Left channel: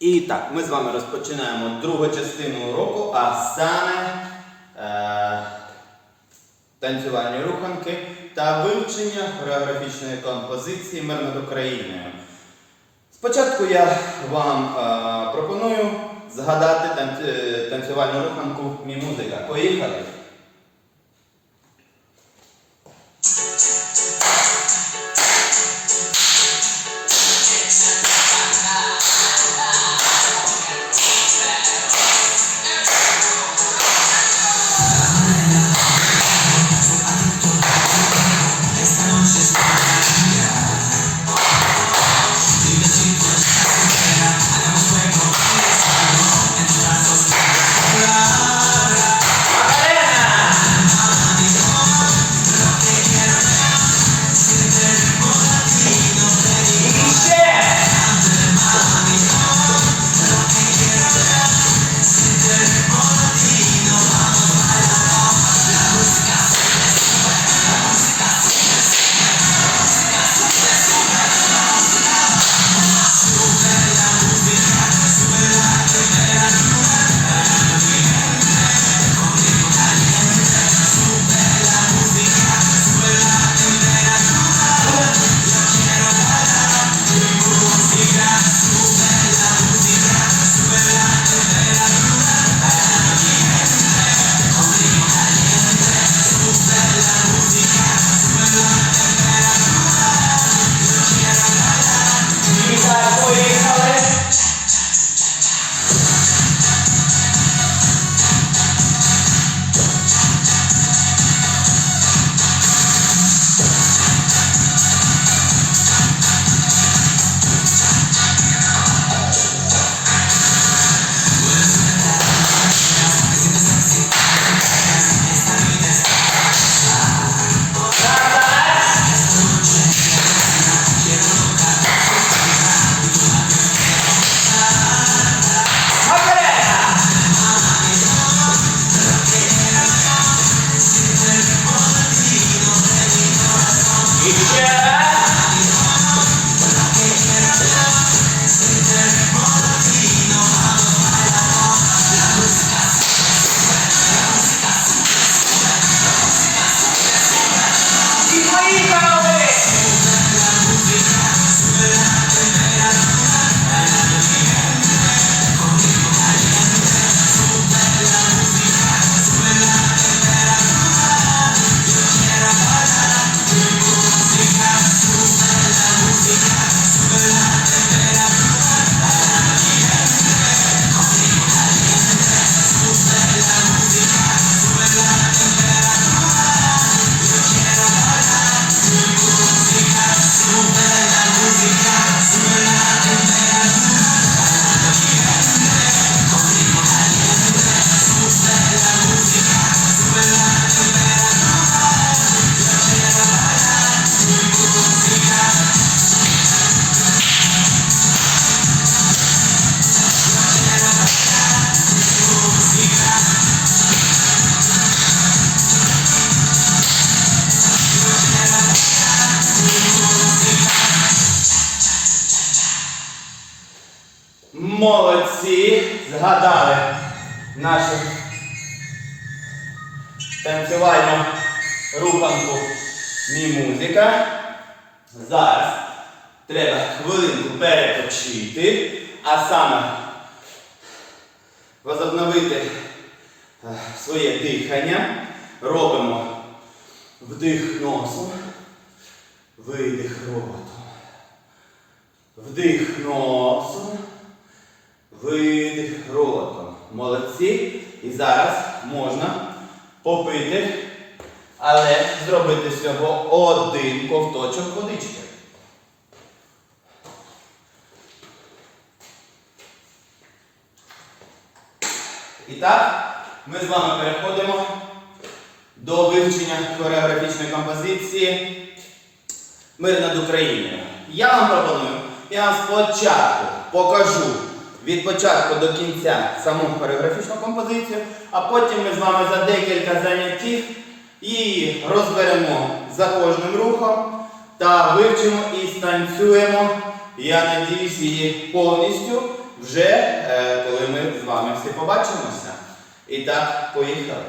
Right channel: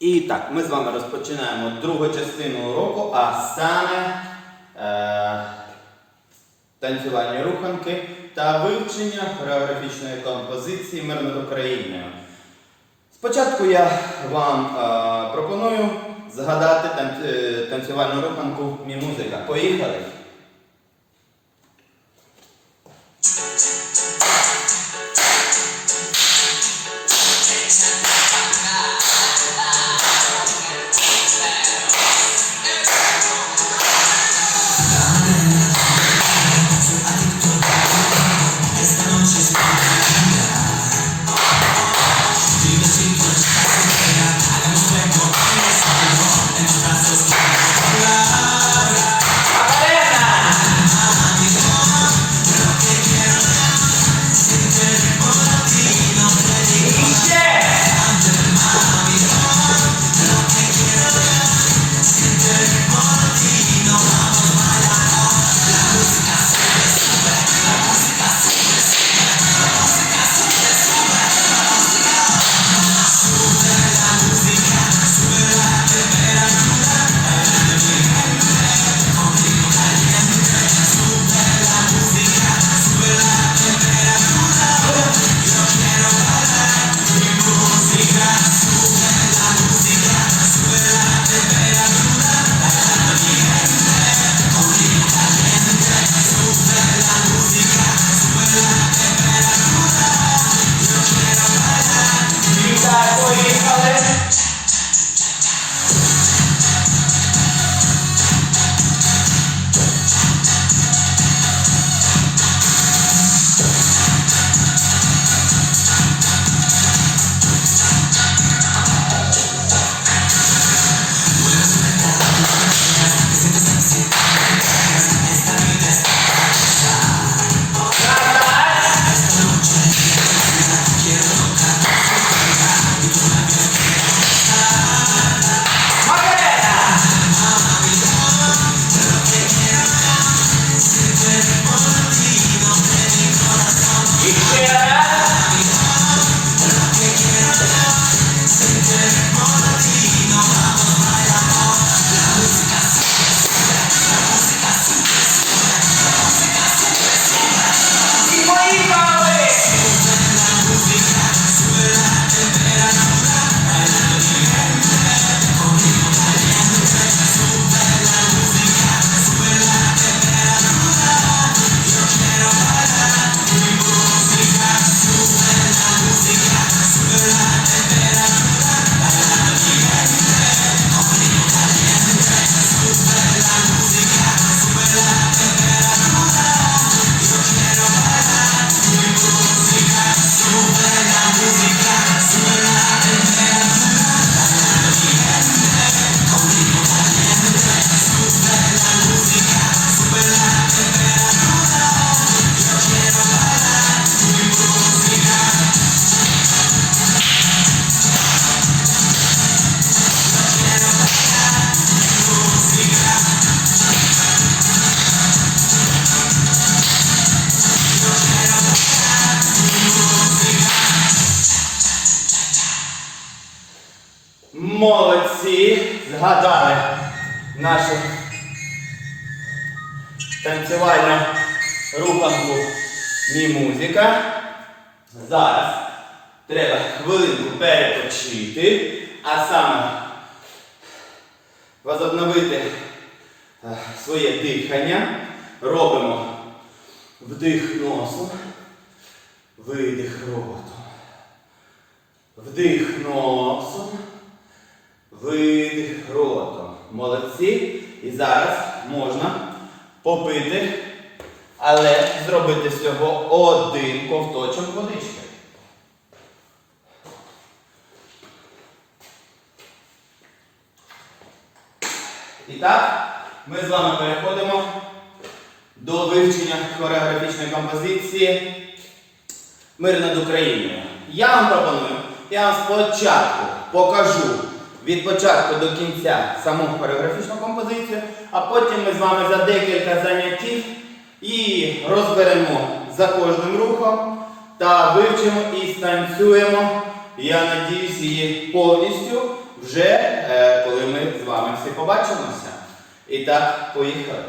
І так, ми з вами розпочинаємо другу частину уроку, а саме е, танцювальні руханки та вивчення хореографічної композиції «Мир над Україною. Спочатку я вам е, пропоную згадати танцювальну руханку «Мій музика». Поїхали! Молодці. Згадали нашу танцювальну руханку мій музика. Зараз треба хвилинку перепочити, а саме возобновити е, своє дихання. Робимо вдих носом, видих ротом. Вдих носом. Видих ротом. Молодці. І зараз можна попити, але зробити всього один ковточок водички. І так, ми з вами переходимо до вивчення хореографічної композиції Мир над Україною. Я вам пропоную, я вам спочатку покажу від початку до кінця саму хореографічну композицію, а потім ми з вами за декілька заняттів її розберемо за кожним рухом та вивчимо і станцюємо, я надіюсь, її повністю вже е, коли ми з вами всі побачимося. І так, поїхали.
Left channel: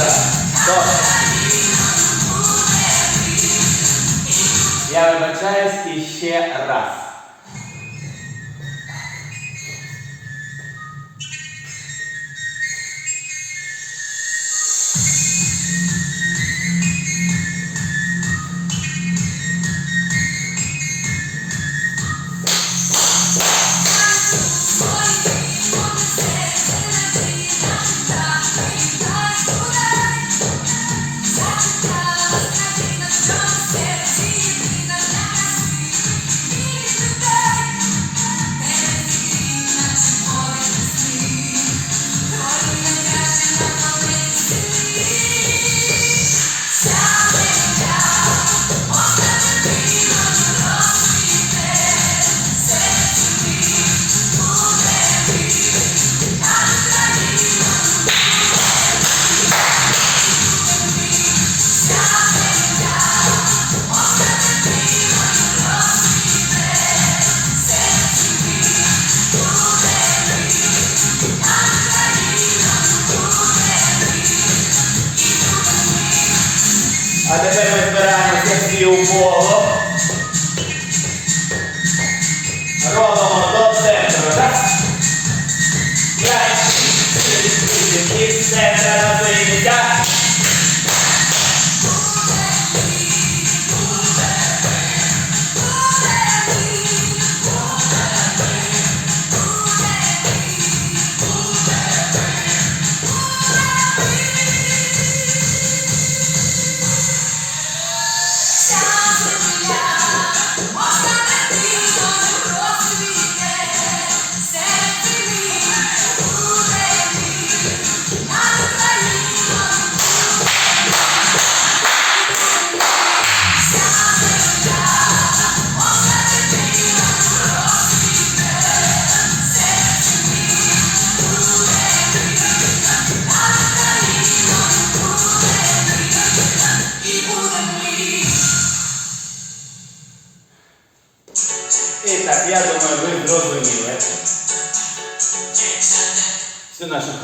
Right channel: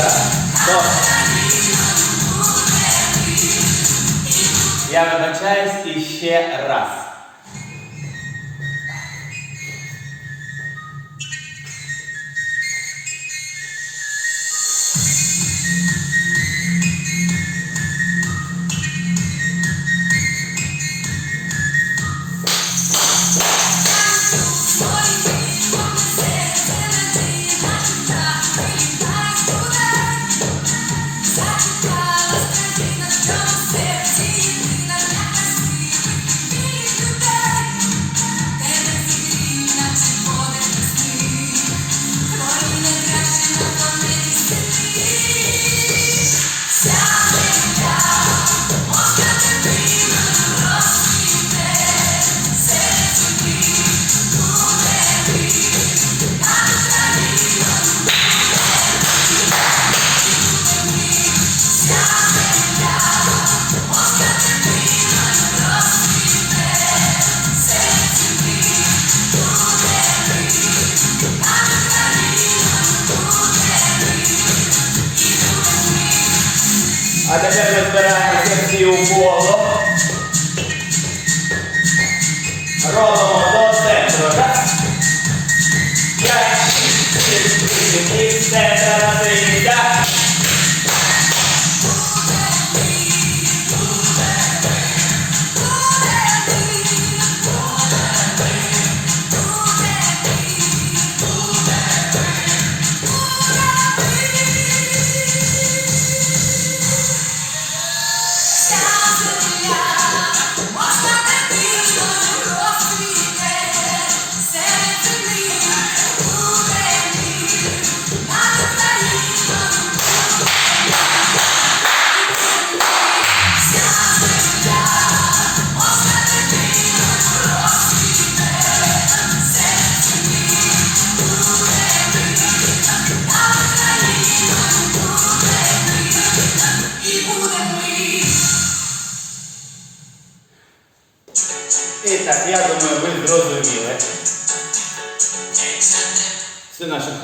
Так, стоп. Я возвращаюсь еще раз.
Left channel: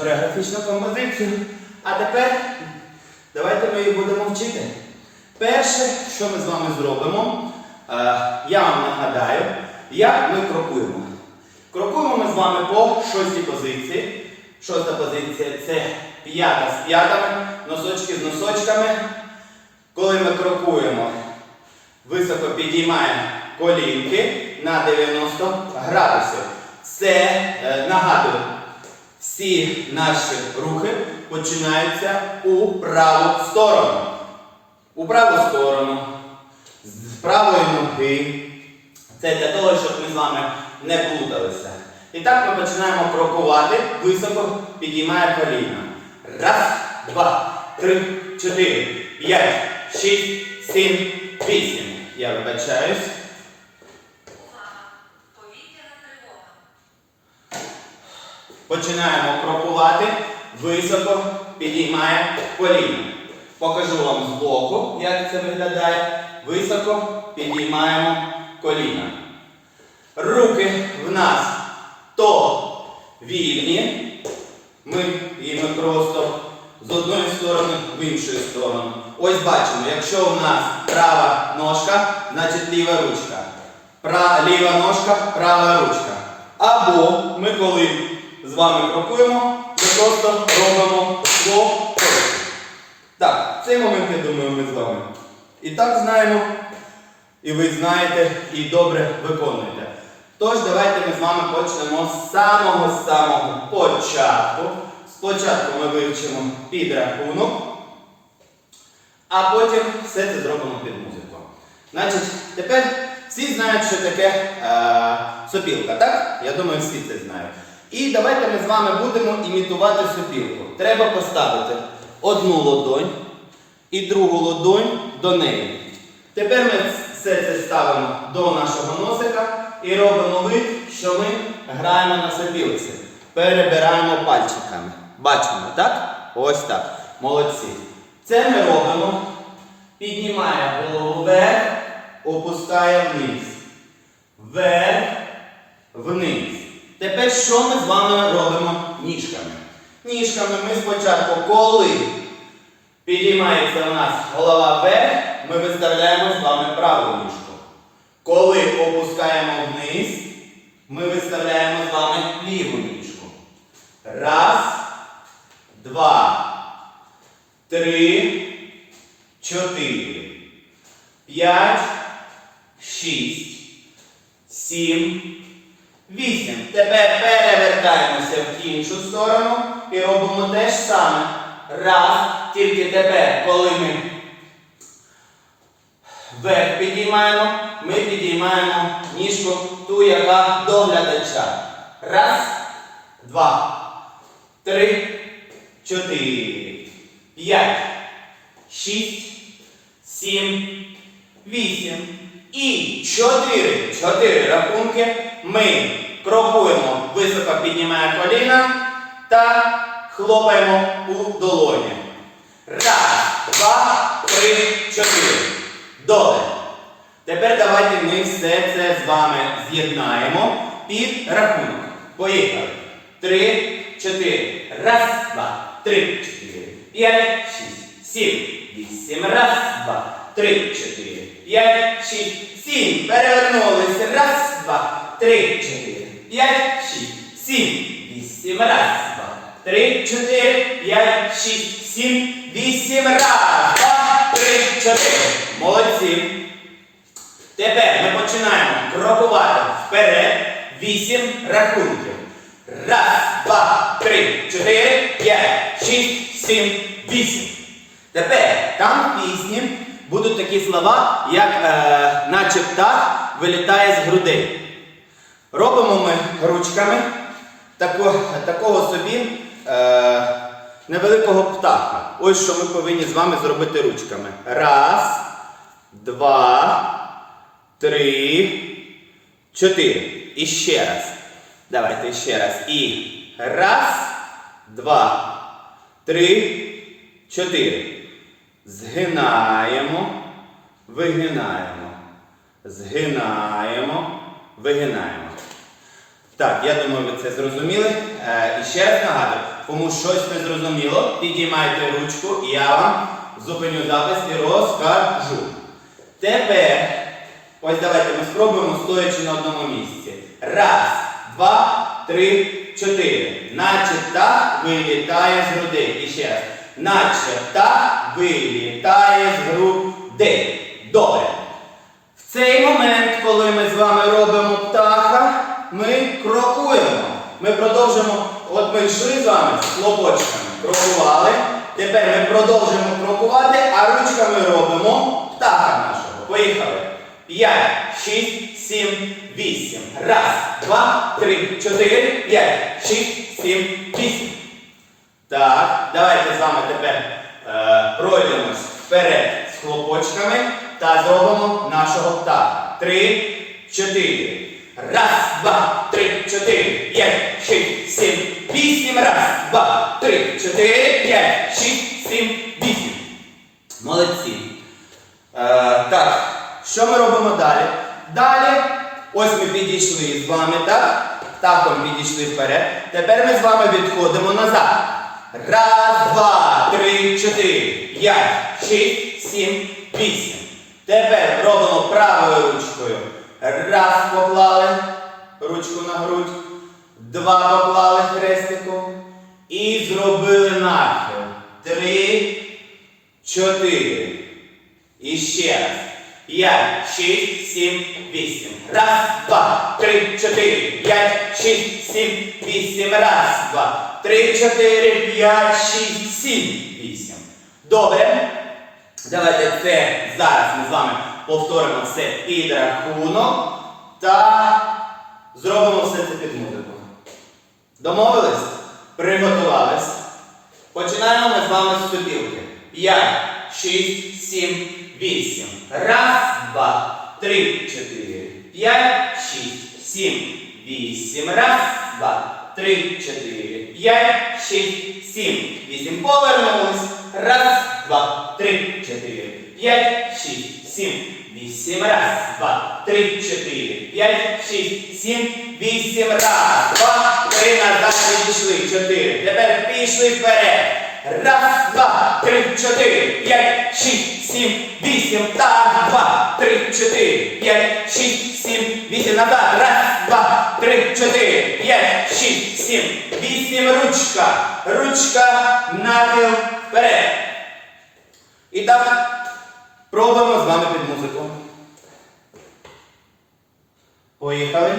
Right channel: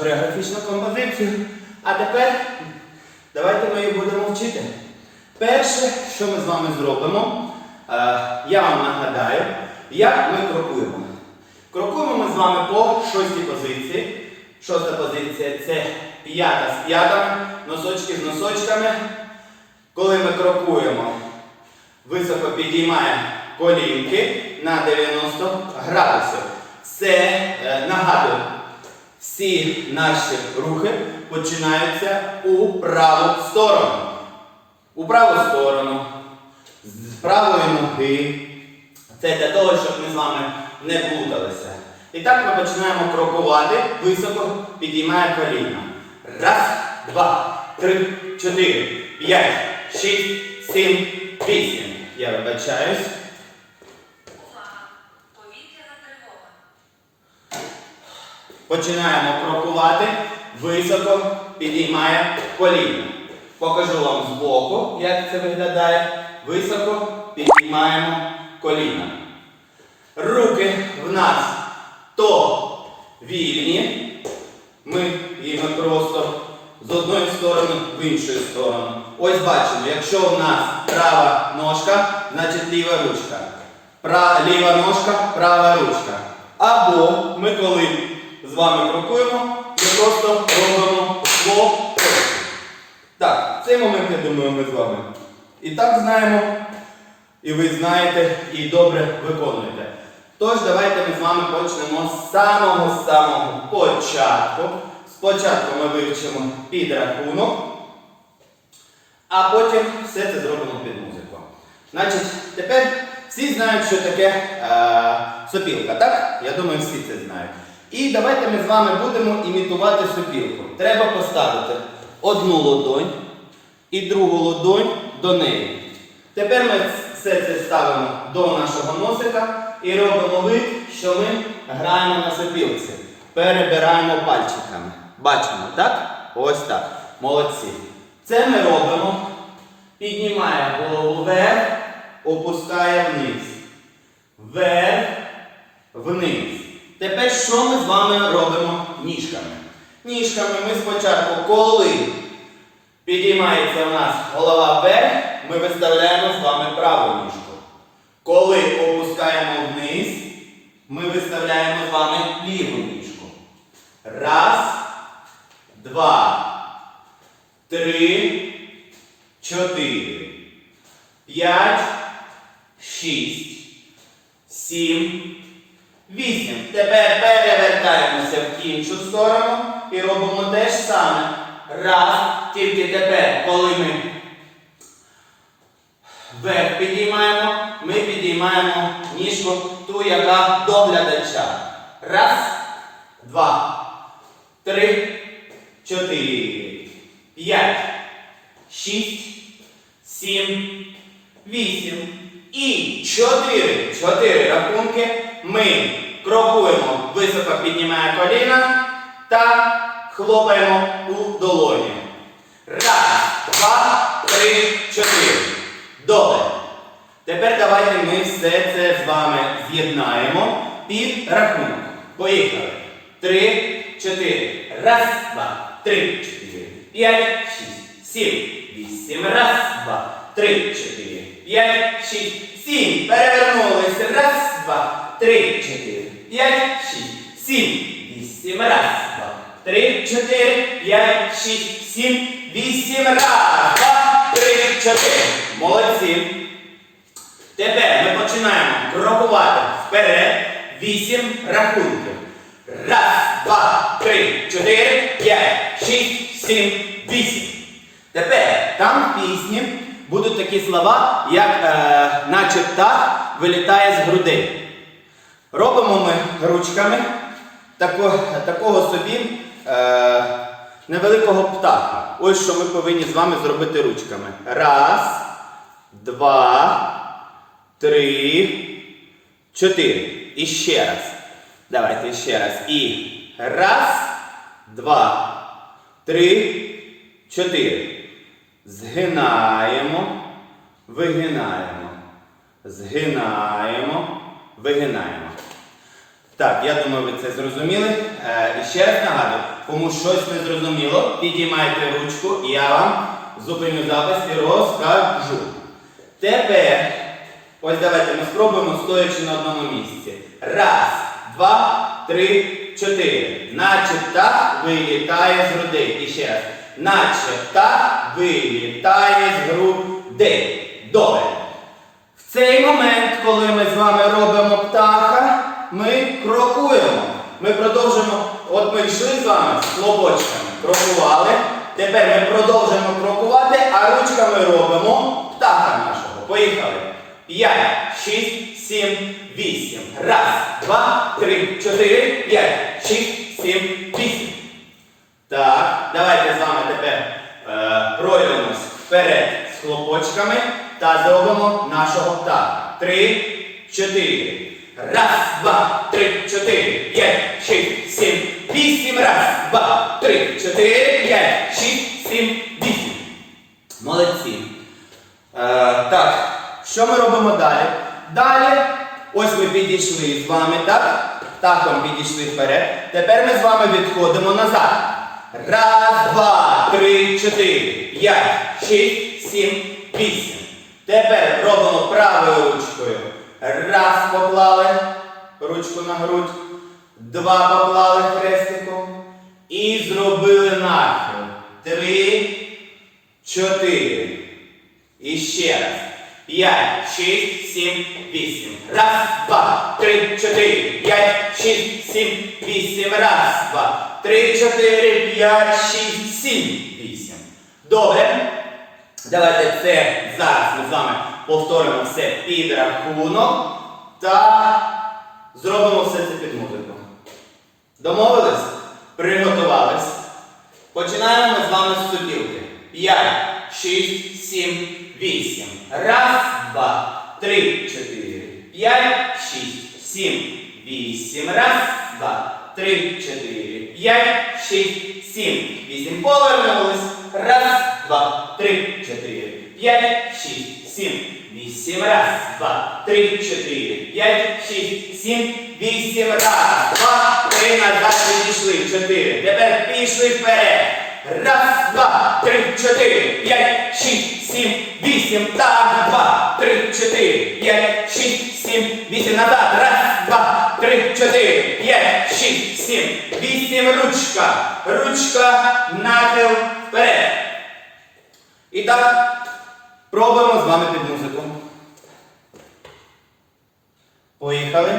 хореографічну композицію. А тепер давайте ми її будемо вчити. Перше, що ми з вами зробимо, е, я вам нагадаю, як ми крокуємо. Крокуємо ми з вами по шостій позиції. Шоста позиція це п'ята з п'ятами, носочки з носочками. Коли ми крокуємо, високо підіймаємо колінки на 90 градусів. Це е, нагадую. Всі наші рухи починаються у праву сторону. У праву сторону, з правої ноги. Це для того, щоб ми з вами не плуталися. І так ми починаємо крокувати, високо підіймає коліна. Раз, два, три, чотири, п'ять, шість, сім, вісім. Я вибачаюсь. Починаємо крокувати, високо підіймає коліно. Покажу вам збоку, як це виглядає. Високо підіймаємо коліна. Руки в нас то вільні. Ми їми просто з одної сторони в іншу сторону. Ось бачимо, якщо у нас права ножка, значить ліва ручка. Права, ліва ножка, права ручка. Або ми коли з вами крокуємо і просто робимо слово. Так, цей момент, я думаю, ми з вами і так знаємо, і ви знаєте, і добре виконуєте. Тож, давайте ми з вами почнемо з самого-самого початку. Спочатку ми вивчимо під рахунок, а потім все це зробимо під музику. Значить, тепер всі знають, що таке е, сопілка, так? Я думаю, всі це знають. І давайте ми з вами будемо імітувати сопілку. Треба поставити одну ладонь і другу ладонь до неї. Тепер ми все це ставимо до нашого носика і робимо вид, що ми граємо на сопілці. Перебираємо пальчиками. Бачимо, так? Ось так. Молодці. Це ми робимо. Піднімає голову вверх, опускає вниз. Вверх, вниз. Тепер що ми з вами робимо ніжками? Ніжками ми спочатку, коли підіймається у нас голова вверх, ми виставляємо з вами праву ніжку. Коли опускаємо вниз, ми виставляємо з вами ліву ніжку. Раз, два, три, чотири, п'ять, шість, сім. 8. Тепер перевертаємося в іншу сторону і робимо те ж саме. Раз. Тільки тепер, коли ми вверх підіймаємо, ми підіймаємо ніжку ту, яка до глядача. Раз, два, три, чотири, п'ять, шість, сім, вісім. І чотири. Чотири рахунки ми крокуємо, високо піднімає коліна та хлопаємо у долоні. Раз, два, три, чотири. Добре. Тепер давайте ми все це з вами з'єднаємо під рахунок. Поїхали. Три, чотири. Раз, два, три, чотири. П'ять, шість, сім. Вісім. Раз, два, три, чотири. П'ять, шість, сім. Перевернулися. Раз, два три, чотири, п'ять, шість, сім, вісім раз. Два, три, чотири, п'ять, шість, сім, вісім раз. Два, три, чотири. Молодці. Тепер ми починаємо крокувати вперед. Вісім рахунків. Раз, два, три, чотири, п'ять, шість, сім, вісім. Тепер там в пісні будуть такі слова, як е, наче птах вилітає з грудей. Робимо ми ручками тако, такого собі е, невеликого птаха. Ось що ми повинні з вами зробити ручками. Раз, два, три, чотири. І ще раз. Давайте ще раз. І раз, два, три, чотири. Згинаємо, вигинаємо. Згинаємо вигинаємо. Так, я думаю, ви це зрозуміли. Е, і ще раз нагадую, кому щось не зрозуміло, підіймайте ручку і я вам зупиню запис і розкажу. Тепер, ось давайте ми спробуємо, стоячи на одному місці. Раз, два, три, чотири. Наче так вилітає з грудей. І ще раз. Наче так вилітає з грудей. Добре цей момент, коли ми з вами робимо птаха, ми крокуємо. Ми продовжимо, от ми йшли з вами з хлопочками. крокували. Тепер ми продовжуємо крокувати, а ручками робимо птаха нашого. Поїхали. 5, 6, 7, 8. Раз, два, три, чотири, п'ять, шість, сім, вісім. Так, давайте з вами тепер е, пройдемось вперед з хлопочками та зробимо нашого птаха. Три, чотири. Раз, два, три, чотири, п'ять, шість, сім, вісім. Раз, два, три, чотири, п'ять, шість, сім, вісім. Молодці. Е, так, що ми робимо далі? Далі, ось ми підійшли з вами, так? Таком підійшли вперед. Тепер ми з вами відходимо назад. Раз, два, три, чотири, п'ять, шість, сім, вісім. Тепер робимо правою ручкою. Раз поклали ручку на грудь. Два поклали хрестиком. І зробили нахил. Три, чотири. І ще раз. П'ять, шість, сім, вісім. Раз, два, три, чотири. П'ять, шість, сім, вісім. Раз, два, три, чотири, п'ять, шість, сім, вісім. Добре. Давайте це зараз ми з вами повторимо все під рахунок та зробимо все це під музику. Домовились? Приготувались. Починаємо ми з вами з супілки. 5, 6, 7, 8. Раз, два, три, чотири. П'ять, шість, сім, вісім. Раз, два, три, чотири. П'ять, 6, сім. Вісім. Повернулись. Раз, два, три. 4, 5, 6, 7, 8. Раз, 2, 3, 4, 5, 6, 7, 8. Раз, 2, 3, назад, підійшли. 4. Тепер пішли вперед. Раз, два, три, чотири, п'ять, шість, сім, вісім. Так, два, три, чотири, п'ять, шість, сім, вісім. Назад. Раз, два, три, чотири, п'ять, шість, сім, вісім. Ручка. Ручка. Нахил. Вперед. І так, пробуємо з вами під музику. Поїхали.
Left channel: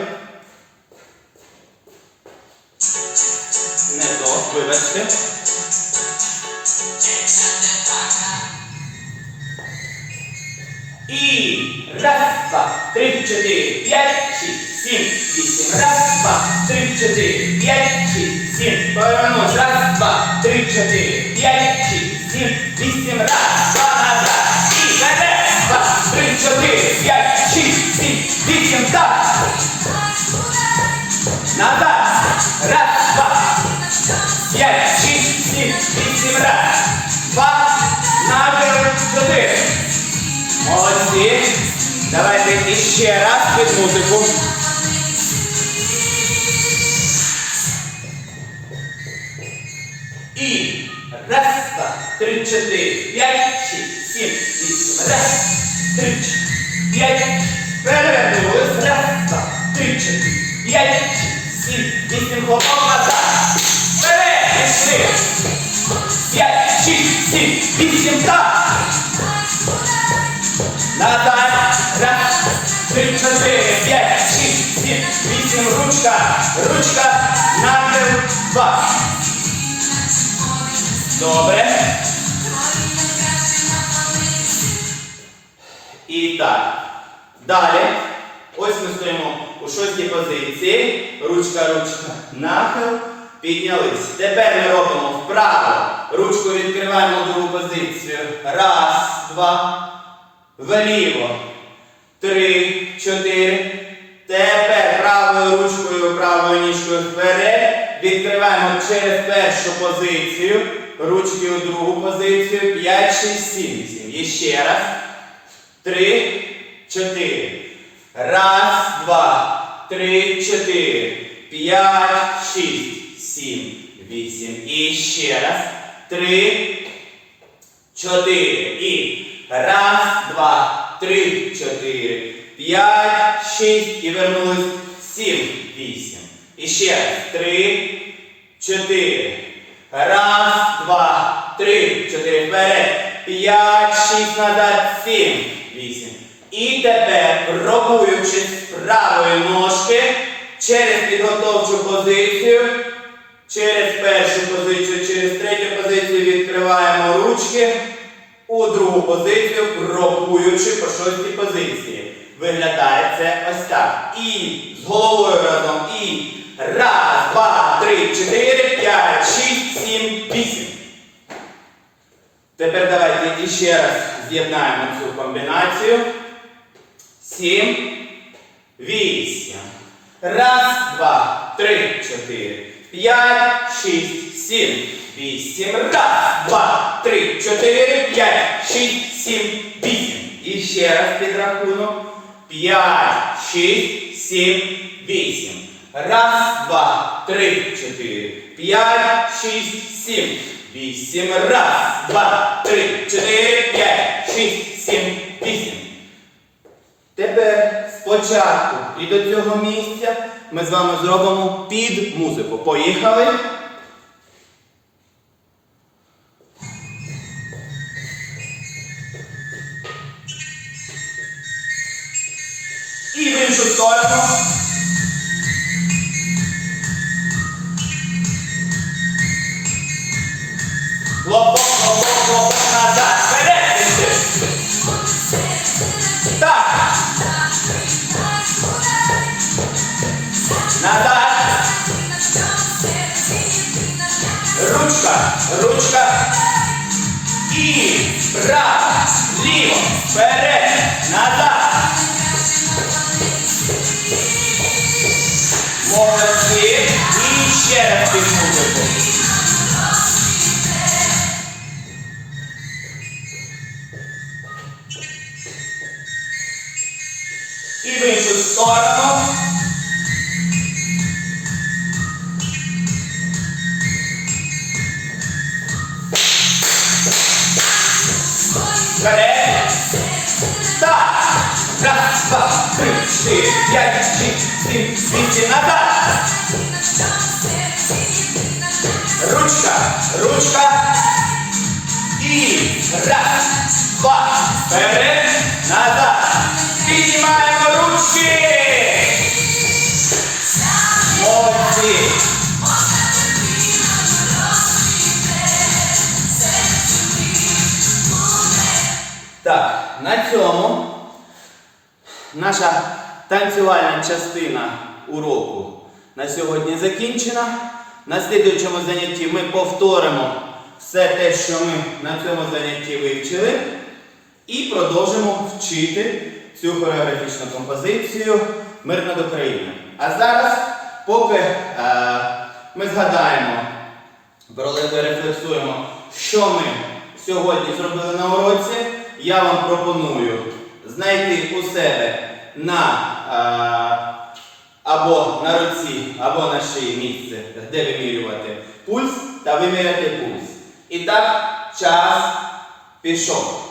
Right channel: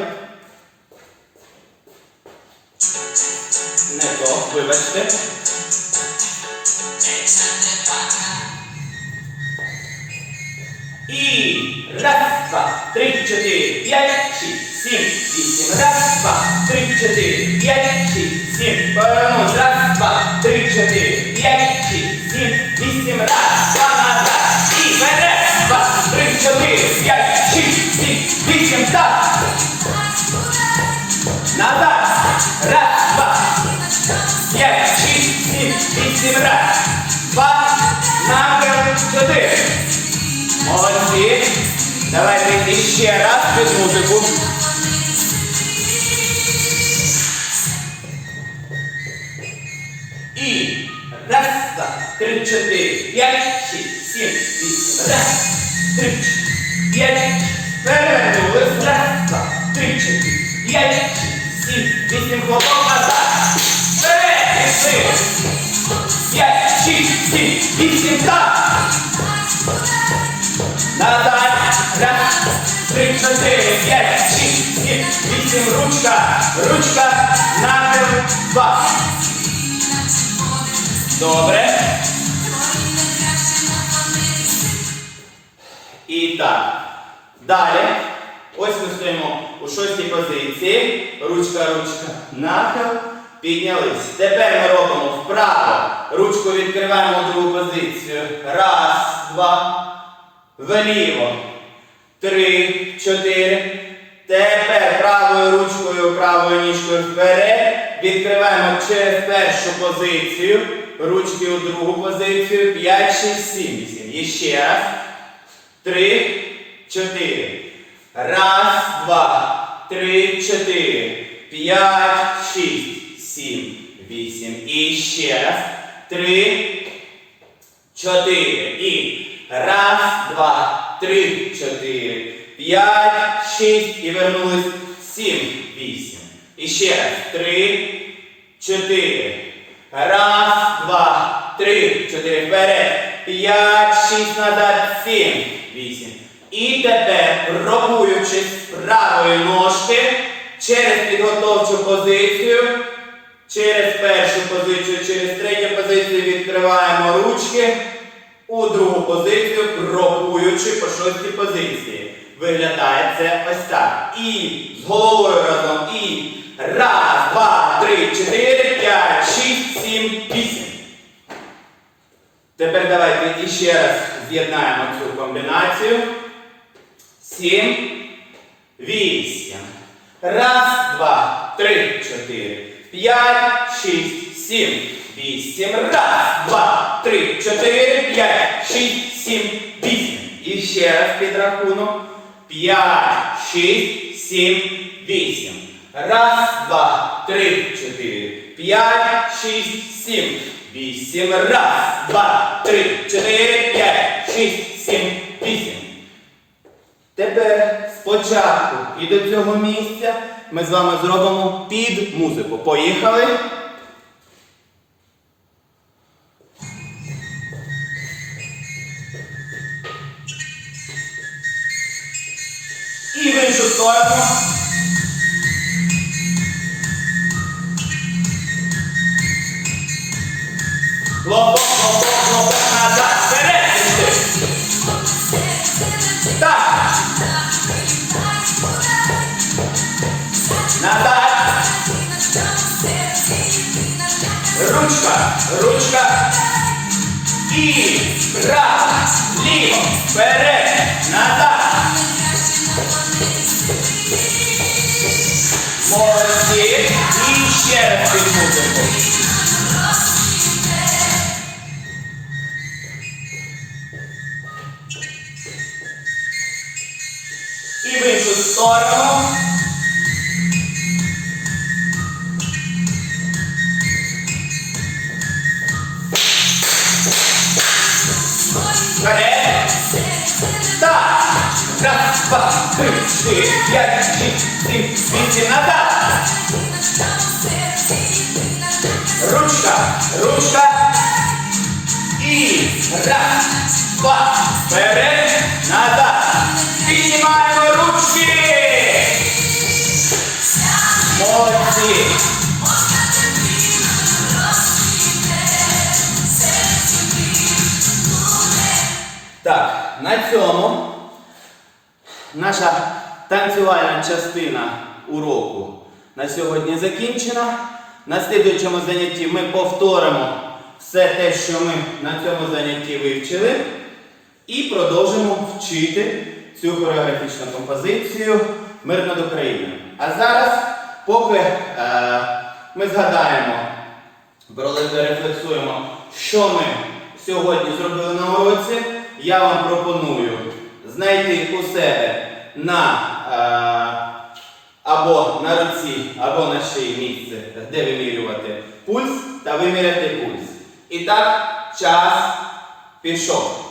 Не то, вибачте. І раз, два, три, чотири, п'ять, шість, сім, вісім. Раз, два, три, чотири, п'ять, шість, сім. Повернусь. Раз, два, три, чотири. Назад. Раз, два. П'ять, шість, сім, вісім, раз. Два. Набір. Чотири. Молодці. Давайте іще раз під музику. І раз, два, три, чотири, п'ять, шість, сім, вісім. Раз, три, п'ять. Перевернулись. Раз, два, три, чотири, п'ять. І дітям хлопок назад. Бере, пішли. П'ять, шість, сім, вісім, так. Назад, раз, три, чотири, п'ять, шість, сім, вісім, ручка, ручка, нахил, два. Добре. І так. Далі. Ось ми стоїмо у шостій позиції. Ручка, ручка, нахил. Піднялись. Тепер ми робимо вправо. Ручку відкриваємо у другу позицію. Раз, два. Вліво. Три, чотири. Тепер правою ручкою, правою ніжкою вперед. Відкриваємо через першу позицію. Ручки у другу позицію. 5, 6, 7, 8. І ще раз. Три. Чотири. Раз, два, три, чотири, п'ять, шість, сім, вісім. І ще раз. Три, чотири. І раз, два, три, чотири, п'ять, шість. І вернулись. Сім, вісім. І ще раз. Три, чотири. Раз, два, три, чотири. Вперед. П'ять, шість назад. Сім. Вісім. І тепер, рокуючись правої ножки через підготовчу позицію, через першу позицію, через третю позицію відкриваємо ручки. У другу позицію, рокуючи по шостій позиції. Виглядає це ось так. І з головою разом. І. Раз, два, три, чотири, п'ять, шість, сім, вісім. Тепер давайте іще раз з'єднаємо цю комбінацію сім, вісім. Раз, два, три, чотири, п'ять, шість, сім, вісім. Раз, два, три, чотири, п'ять, шість, сім, вісім. І ще раз рахунок. П'ять, шість, сім, вісім. Раз, два, три, чотири, п'ять, шість, сім. Вісім. Раз, два, три, чотири, п'ять, шість, сім, вісім. Тепер спочатку і до цього місця ми з вами зробимо під музику. Поїхали. І в іншу сторону. Лоб Ліво, право, ліво, вперед, назад. Молодці. І ще раз під два, три, четыре, пять, шесть, семь, свиньте назад. Ручка, ручка. И раз, два, вперед, назад. Піднімаємо ручки. Молодці. Так, на цьому Наша танцювальна частина уроку на сьогодні закінчена. На слідуючому занятті ми повторимо все те, що ми на цьому занятті вивчили, і продовжимо вчити цю хореографічну композицію Мир над Україною. А зараз, поки е, ми згадаємо, рефлексуємо, що ми сьогодні зробили на уроці, я вам пропоную знайти у себе на е, або на руці, або на шиї місце, де вимірювати пульс та виміряти пульс. І так, час пішов.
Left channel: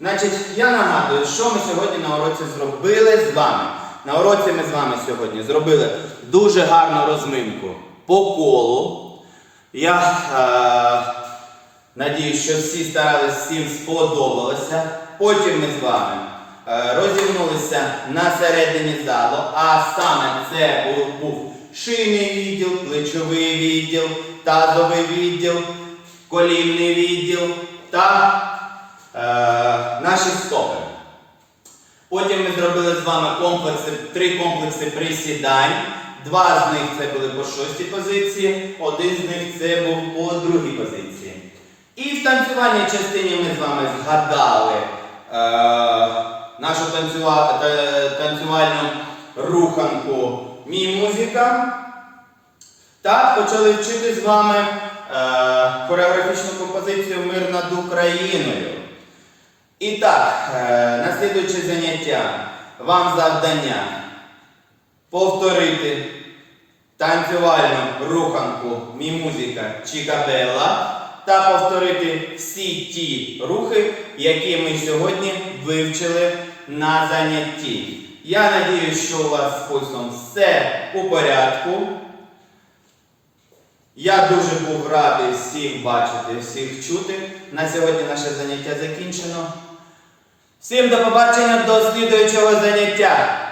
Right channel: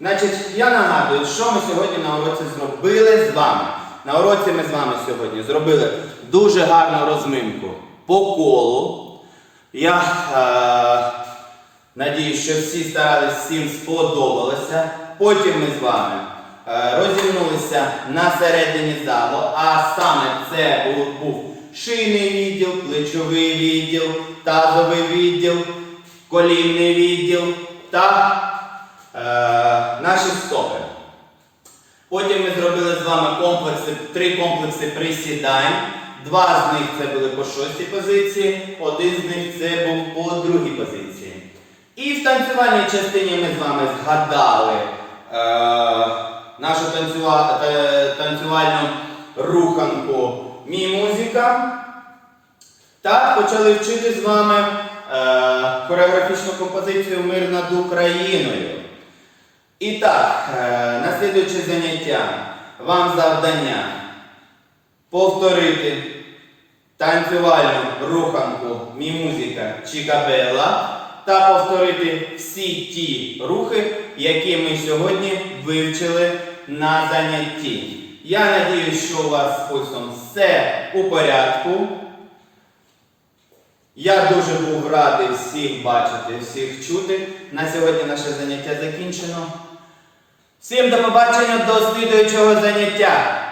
Значить, я нагадую, що ми сьогодні на уроці зробили з вами. На уроці ми з вами сьогодні зробили дуже гарну розминку по колу. Я е, надію, що всі старались, всім сподобалося. Потім ми з вами е, розігнулися на середині залу, а саме це був шийний відділ, плечовий відділ, тазовий відділ, колінний відділ та е, наші стопи. Потім ми зробили з вами комплекси, три комплекси присідань. Два з них це були по шостій позиції, один з них це був по другій позиції. І в танцювальній частині ми з вами згадали. Е, нашу танцювальну руханку Мі музика. Так, почали вчити з вами е, хореографічну композицію Мир над Україною. І так, е, наслідуючи заняття, вам завдання повторити танцювальну руханку Мі музика Чікабела та повторити всі ті рухи, які ми сьогодні вивчили на занятті. Я надіюсь, що у вас з пульсом все у порядку. Я дуже був радий всіх бачити, всіх чути. На сьогодні наше заняття закінчено. Всім до побачення до слідуючого заняття!